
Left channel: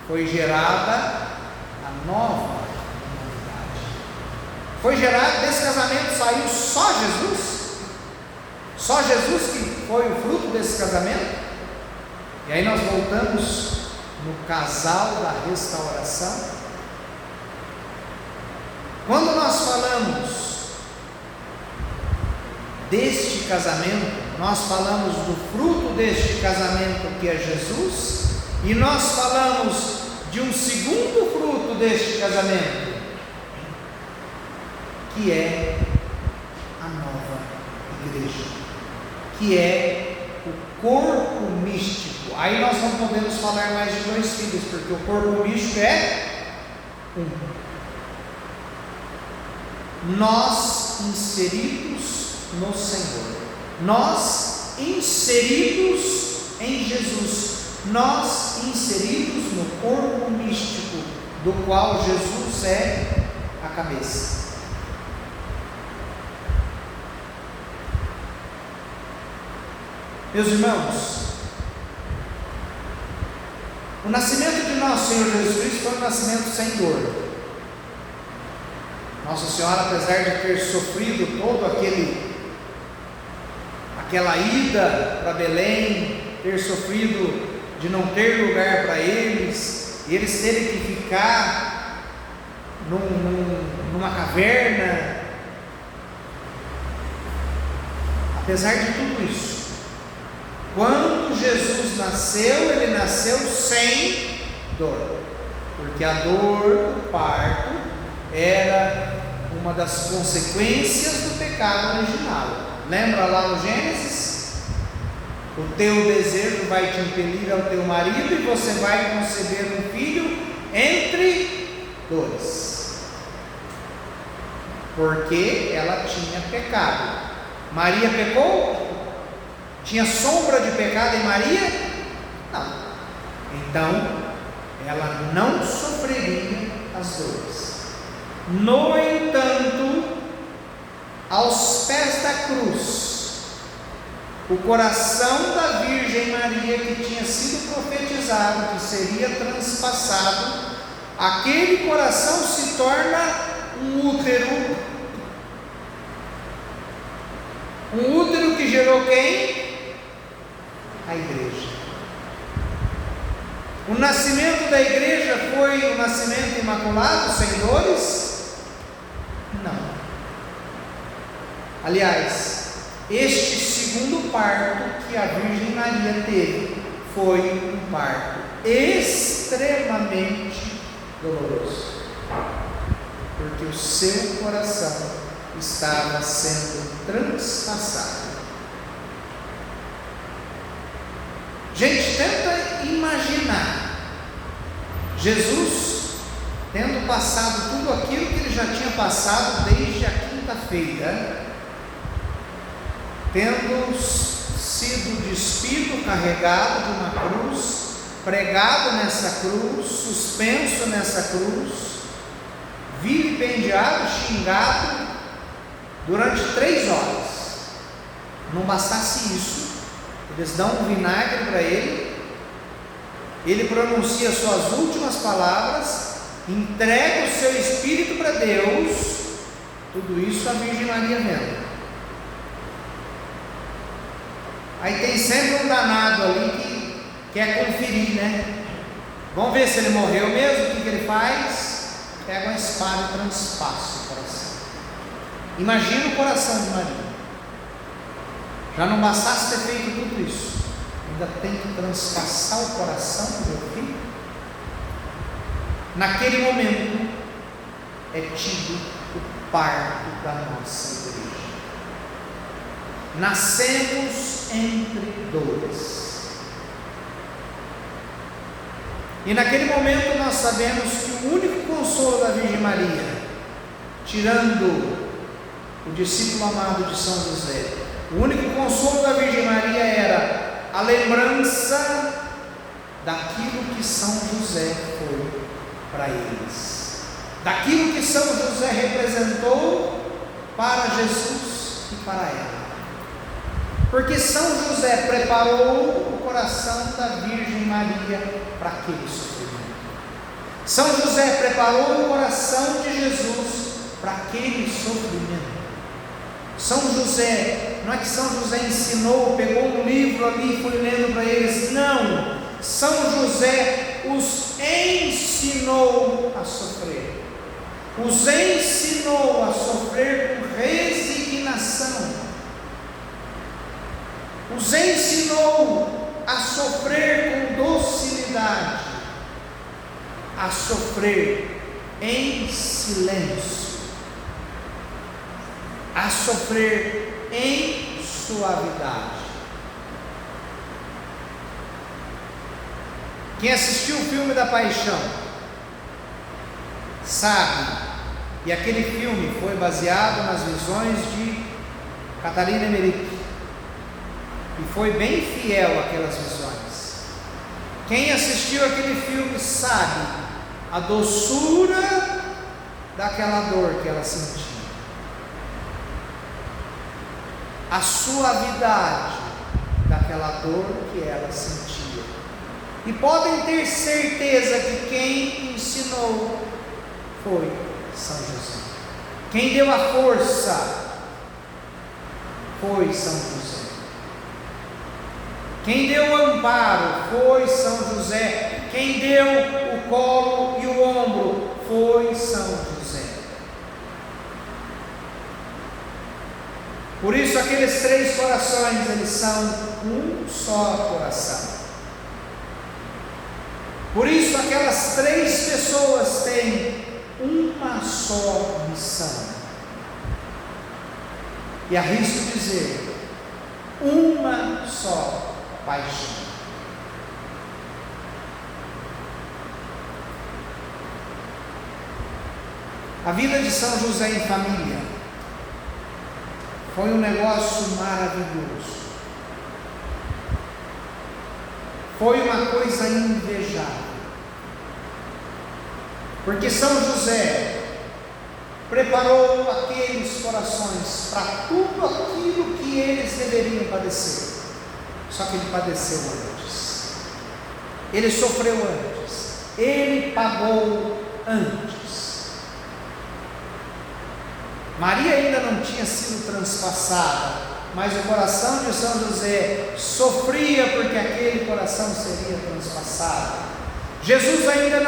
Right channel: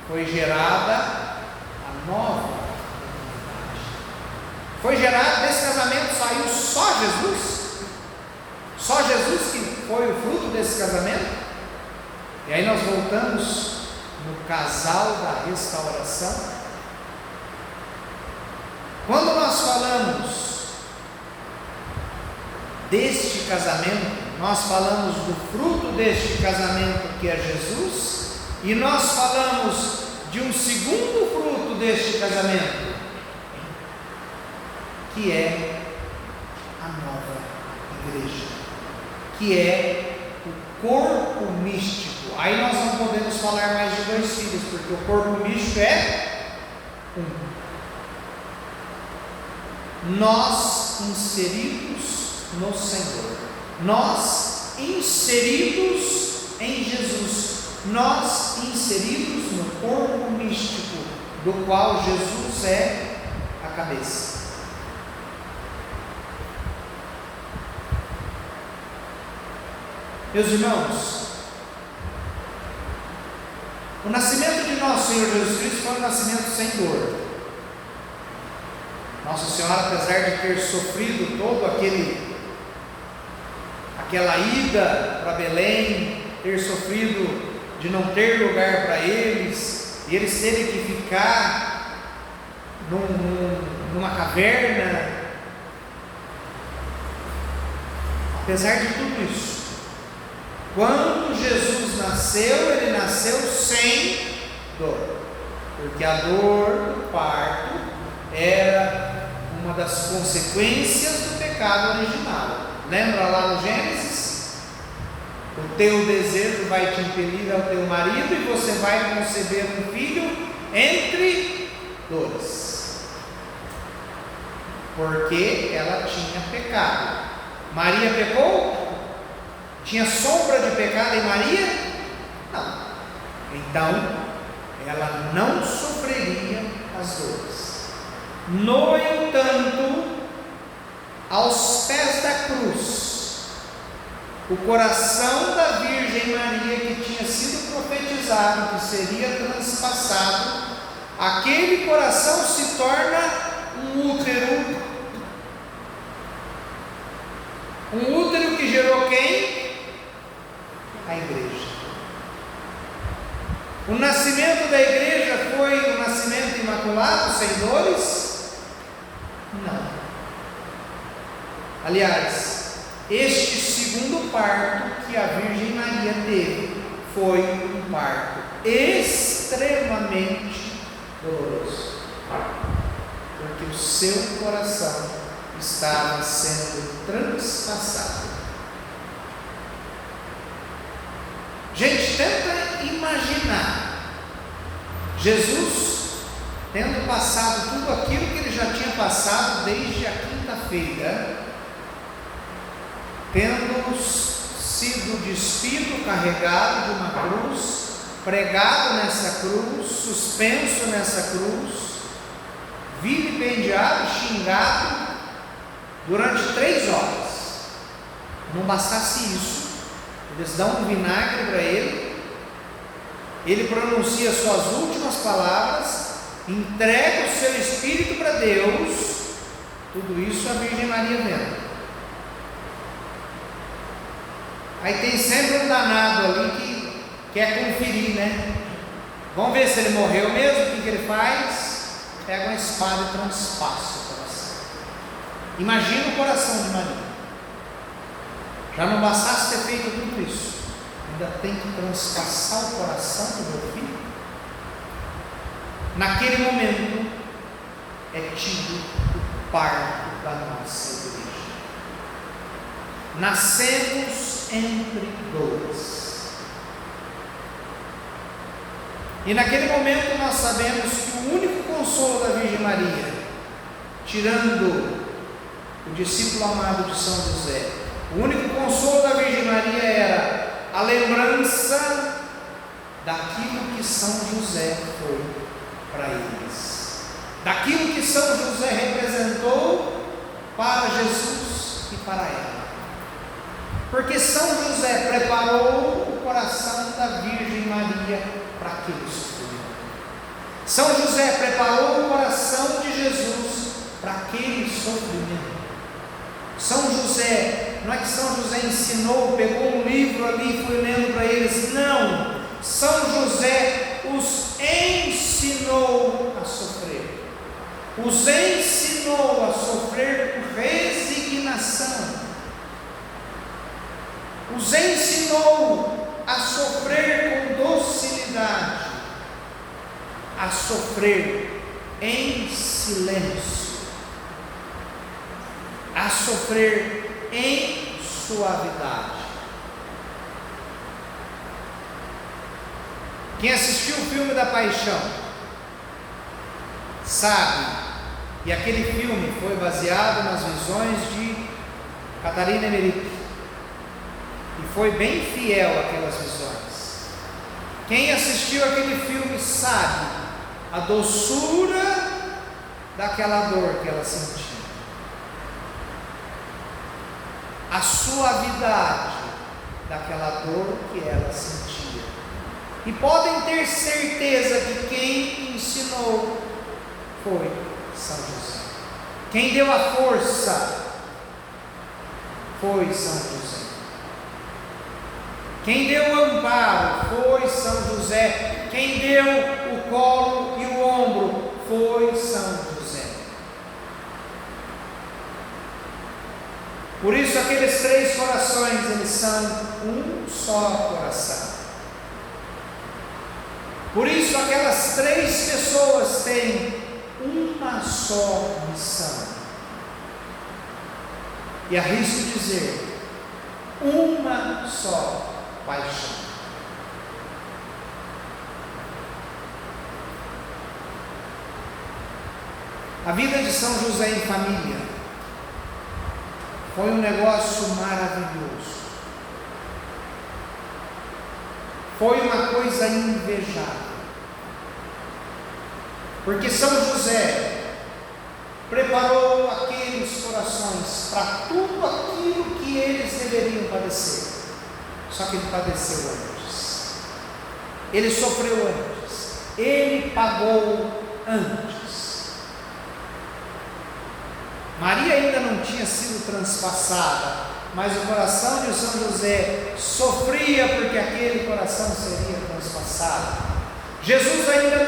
foi gerada a nova humanidade. Foi gerado, desse casamento saiu só Jesus? Só Jesus que foi o fruto desse casamento? E aí nós voltamos no casal da restauração. Quando nós falamos deste casamento, nós falamos do fruto deste casamento que é Jesus, e nós falamos de um segundo fruto deste casamento, que é a nova igreja, que é o corpo místico. Aí nós não podemos falar mais de dois filhos, porque o corpo místico é um. Nós inseridos no Senhor, nós inseridos em Jesus, nós inseridos no corpo místico, do qual Jesus é a cabeça. Meus irmãos, o nascimento de nosso Senhor Jesus Cristo foi um nascimento sem dor. Nossa Senhora, apesar de ter sofrido todo aquela ida para Belém, ter sofrido de não ter lugar para eles, e eles terem que ficar numa caverna, apesar de tudo isso, quando Jesus nasceu, ele nasceu sem dor, porque a dor do parto era uma das consequências do pecado original. Lembra lá no Gênesis? O teu desejo vai te impelir ao teu marido e você vai conceber um filho entre dores, porque ela tinha pecado. Maria pecou? Tinha sombra de pecado em Maria? Não. Então ela não sofreria as dores. No entanto, aos pés da cruz, o coração da Virgem Maria, que tinha sido profetizado, que seria transpassado, aquele coração se torna um útero. Um útero que gerou quem? A igreja. O nascimento da igreja foi um nascimento imaculado, sem dores? Não. Aliás, este segundo parto que a Virgem Maria teve foi um parto extremamente doloroso, porque o seu coração estava sendo transpassado. Gente, tenta imaginar Jesus tendo passado tudo aquilo que ele já tinha passado desde a quinta-feira, tendo sido despido, carregado de uma cruz, pregado nessa cruz, suspenso nessa cruz, vilipendiado, xingado durante 3 horas. Não bastasse isso, eles dão um vinagre para ele, ele pronuncia suas últimas palavras, entrega o seu espírito para Deus, tudo isso a Virgem Maria vendo. Aí tem sempre um danado ali que quer conferir, né? Vamos ver se ele morreu mesmo. O que ele faz? Pega uma espada e transpassa o coração. Imagina o coração de Maria. Já não bastasse ter feito tudo isso, ainda tem que transpassar o coração do meu filho. Naquele momento é tido o parto da nossa igreja. Nascemos entre dores. E naquele momento nós sabemos que o único consolo da Virgem Maria, tirando o discípulo amado de São José, o único consolo da Virgem Maria era a lembrança daquilo que São José foi para eles, daquilo que São José representou para Jesus e para ela. Porque São José preparou o coração da Virgem Maria para aquele sofrimento. São José preparou o coração de Jesus para aquele sofrimento. São José, não é que São José ensinou, pegou um livro ali e foi lendo para eles, não. São José os ensinou a sofrer, os ensinou a sofrer com resignação, os ensinou a sofrer com docilidade, a sofrer em silêncio, a sofrer em suavidade. Quem assistiu o filme da Paixão sabe, e aquele filme foi baseado nas visões de Catarina Emmerich, e foi bem fiel àquelas visões. Quem assistiu aquele filme sabe a doçura daquela dor que ela sentia, a suavidade daquela dor que ela sentia. E podem ter certeza que quem ensinou foi São José. Quem deu a força foi São José. Quem deu o amparo foi São José. Quem deu o colo e o ombro foi São José. Por isso aqueles 3 corações, eles são um só coração. Por isso aquelas 3 pessoas têm uma só missão. E arrisco dizer, uma só paixão. A vida de São José em família foi um negócio maravilhoso. Foi uma coisa invejável. Porque São José preparou aqueles corações para padecer. Só que ele padeceu antes. Ele sofreu antes. Ele pagou antes. Maria ainda não tinha sido transpassada, mas o coração de São José sofria porque aquele coração seria transpassado. Jesus ainda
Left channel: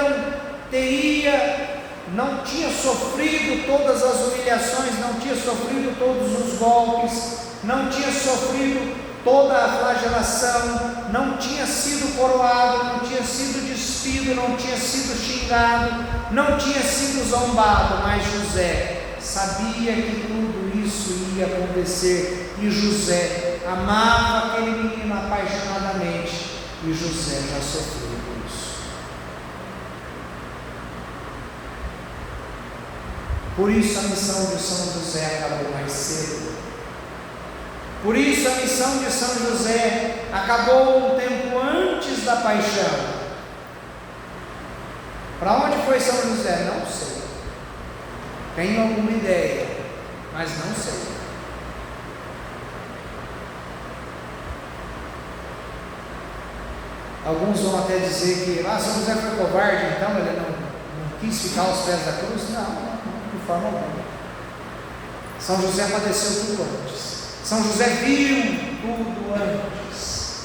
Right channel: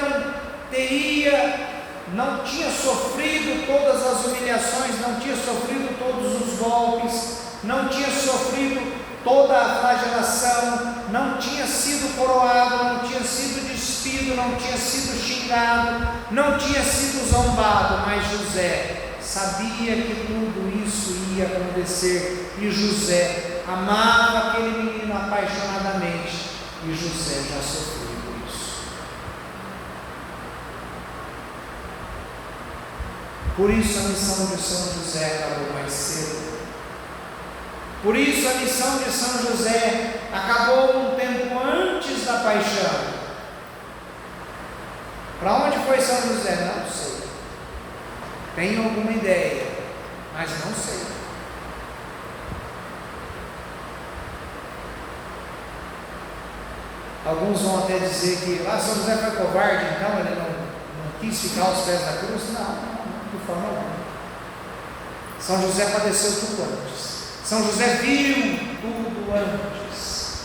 não tinha sofrido todas as humilhações, não tinha sofrido todos os golpes, não tinha sofrido toda a flagelação, não tinha sido coroado, não tinha sido despido, não tinha sido xingado, não tinha sido zombado, mas José sabia que tudo isso ia acontecer, e José amava aquele menino apaixonadamente, e José já sofreu por isso. Por isso a missão de São José acabou mais cedo. Por isso a missão de São José acabou um tempo antes da paixão. Para onde foi São José? Não sei. Tenho alguma ideia, mas não sei. Alguns vão até dizer que São José foi covarde, então ele não quis ficar aos pés da cruz. Não, de forma alguma. São José padeceu tudo antes. São José viu tudo antes.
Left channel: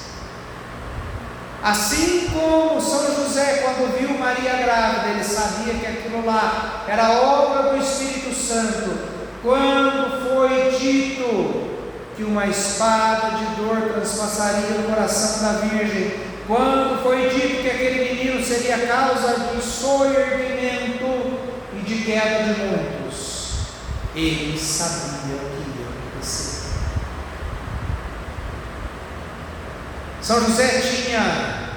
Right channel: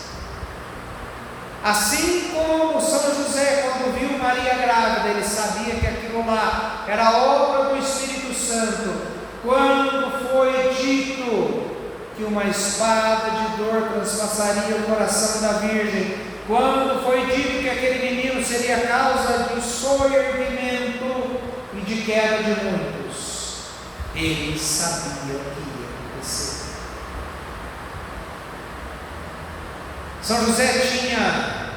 Assim como São José, quando viu Maria grávida, ele sabia que aquilo lá era obra do Espírito Santo. Quando foi dito que uma espada de dor transpassaria o coração da Virgem, quando foi dito que aquele menino seria causa de soerguimento e de queda de muitos, ele sabia o que ia acontecer. São José tinha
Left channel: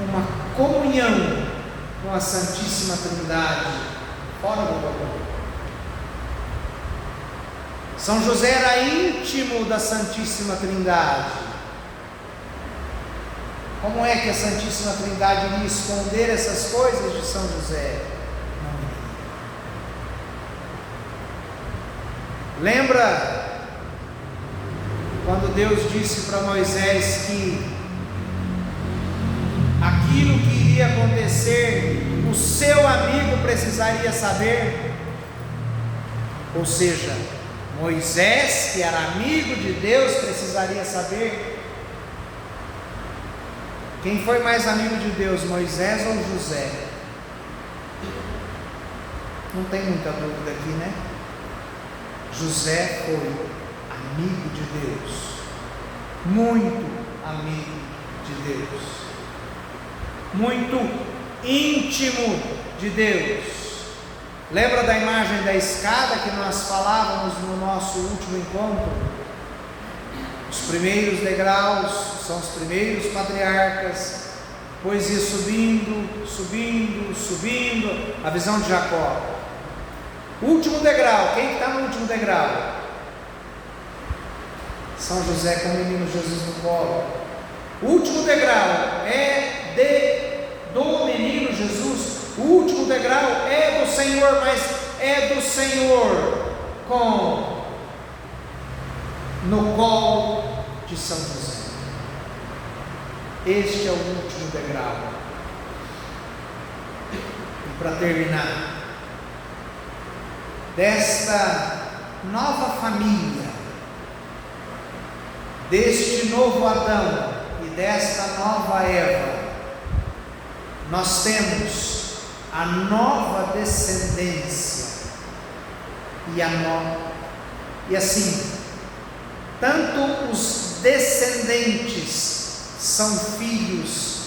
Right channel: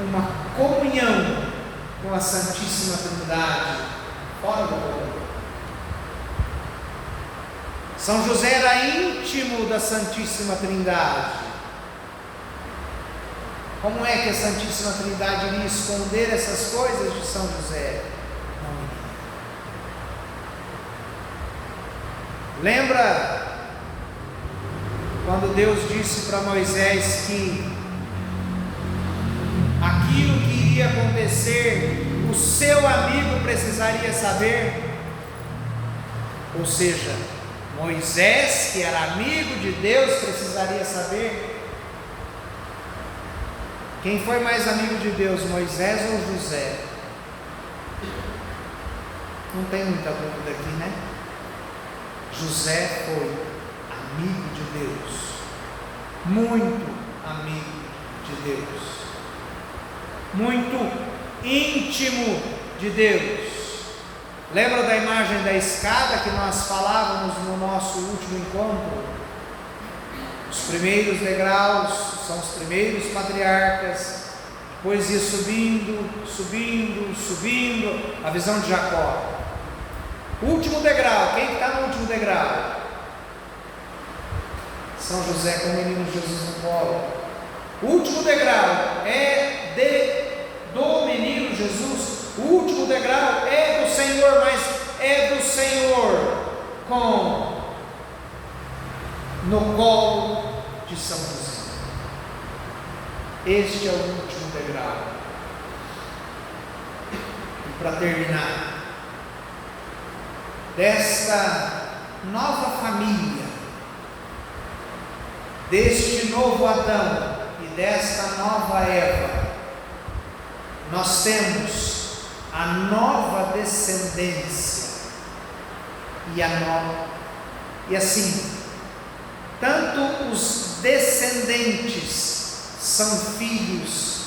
uma comunhão com a Santíssima Trindade fora do corpo. São José era íntimo da Santíssima Trindade. Como é que a Santíssima Trindade iria esconder essas coisas de São José? Não. Lembra quando Deus disse para Moisés que aquilo que iria acontecer, o seu amigo precisaria saber? Ou seja, Moisés, que era amigo de Deus, precisaria saber. Quem foi mais amigo de Deus, Moisés ou José? Não tem muita dúvida aqui, né? José foi amigo de Deus, muito amigo de Deus, muito íntimo de Deus. Lembra da imagem da escada que nós falávamos no nosso último encontro? Os primeiros degraus são os primeiros patriarcas, depois ia subindo, subindo, subindo, a visão de Jacó. O último degrau, quem está no último degrau? São José com o menino Jesus no colo. O último degrau é do menino Jesus. O último degrau é do Senhor, mas é do Senhor no colo de São José. Este é o último degrau. E para terminar, desta nova família, deste novo Adão e desta nova Eva, nós temos a nova descendência e assim, tanto os descendentes são filhos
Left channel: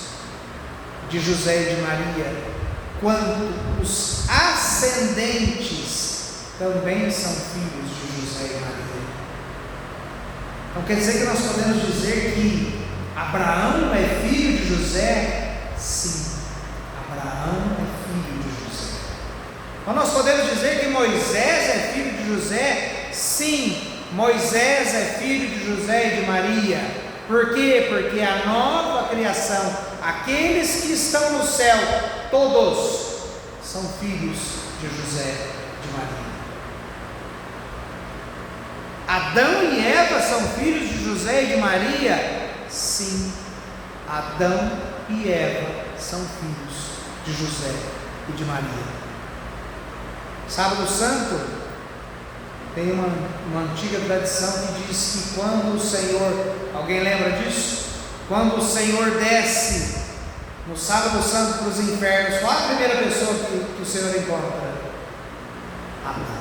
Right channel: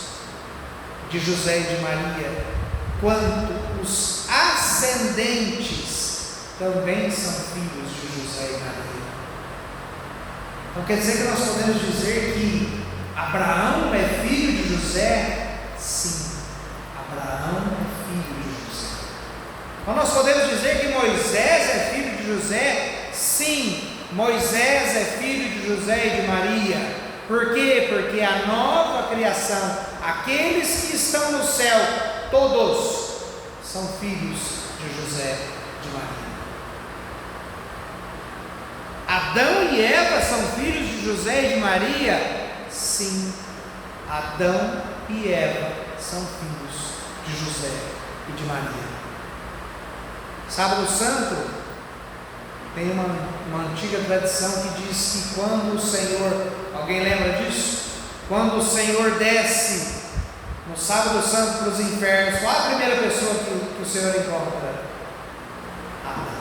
de José e de Maria, quanto os ascendentes também são filhos de José e Maria. Então quer dizer que nós podemos dizer que Abraão é filho de José? Sim, Abraão é filho de José. Então nós podemos dizer que Moisés é filho de José? Sim, Moisés é filho de José e de Maria. Por quê? Porque a nova criação, aqueles que estão no céu, todos são filhos de José e de Maria. Adão e Eva são filhos de José e de Maria? Sim, Adão e Eva são filhos de José e de Maria. Sábado Santo tem uma antiga tradição que diz que quando o Senhor, alguém lembra disso? Quando o Senhor desce no Sábado Santo para os infernos, qual a primeira pessoa que o Senhor encontra? Adão.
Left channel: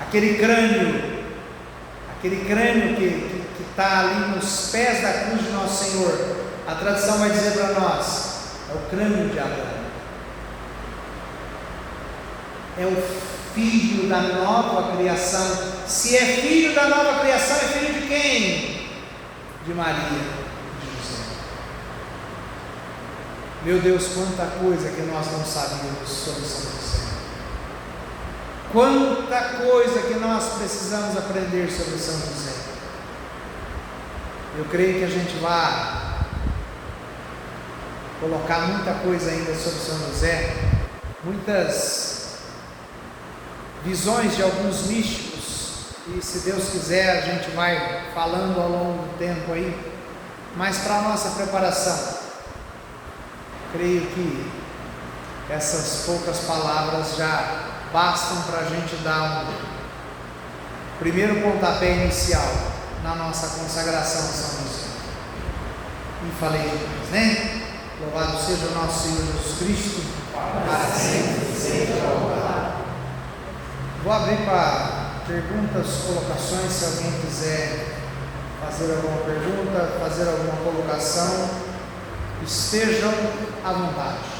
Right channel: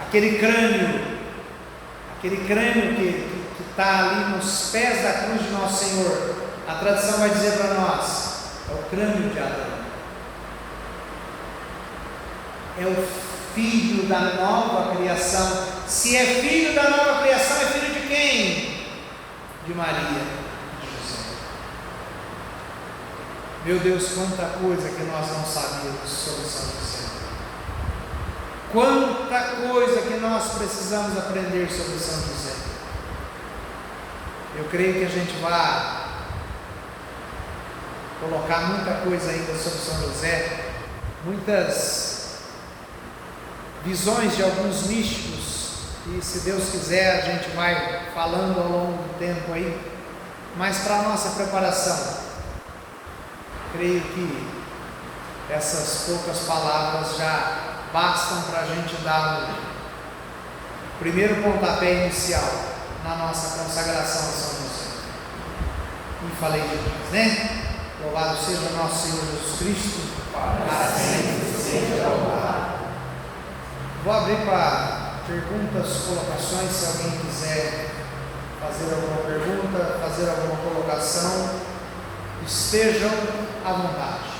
Aquele crânio que está ali nos pés da cruz de nosso Senhor, a tradição vai dizer para nós, é o crânio de Adão. É o filho da nova criação. Se é filho da nova criação, é filho de quem? De Maria, de José. Meu Deus, quanta coisa que nós não sabíamos sobre São José. Quanta coisa que nós precisamos aprender sobre São José. Eu creio que a gente vai colocar muita coisa ainda sobre São José, muitas visões de alguns místicos, e se Deus quiser a gente vai falando ao longo do tempo aí, mas para a nossa preparação, creio que essas poucas palavras já bastam para a gente dar o primeiro pontapé inicial na nossa consagração a São José. E falei demais, né? Louvado seja o nosso Senhor Jesus Cristo, para sempre seja louvado. Vou abrir para perguntas, colocações, se alguém quiser fazer alguma pergunta, fazer alguma colocação, estejam à vontade.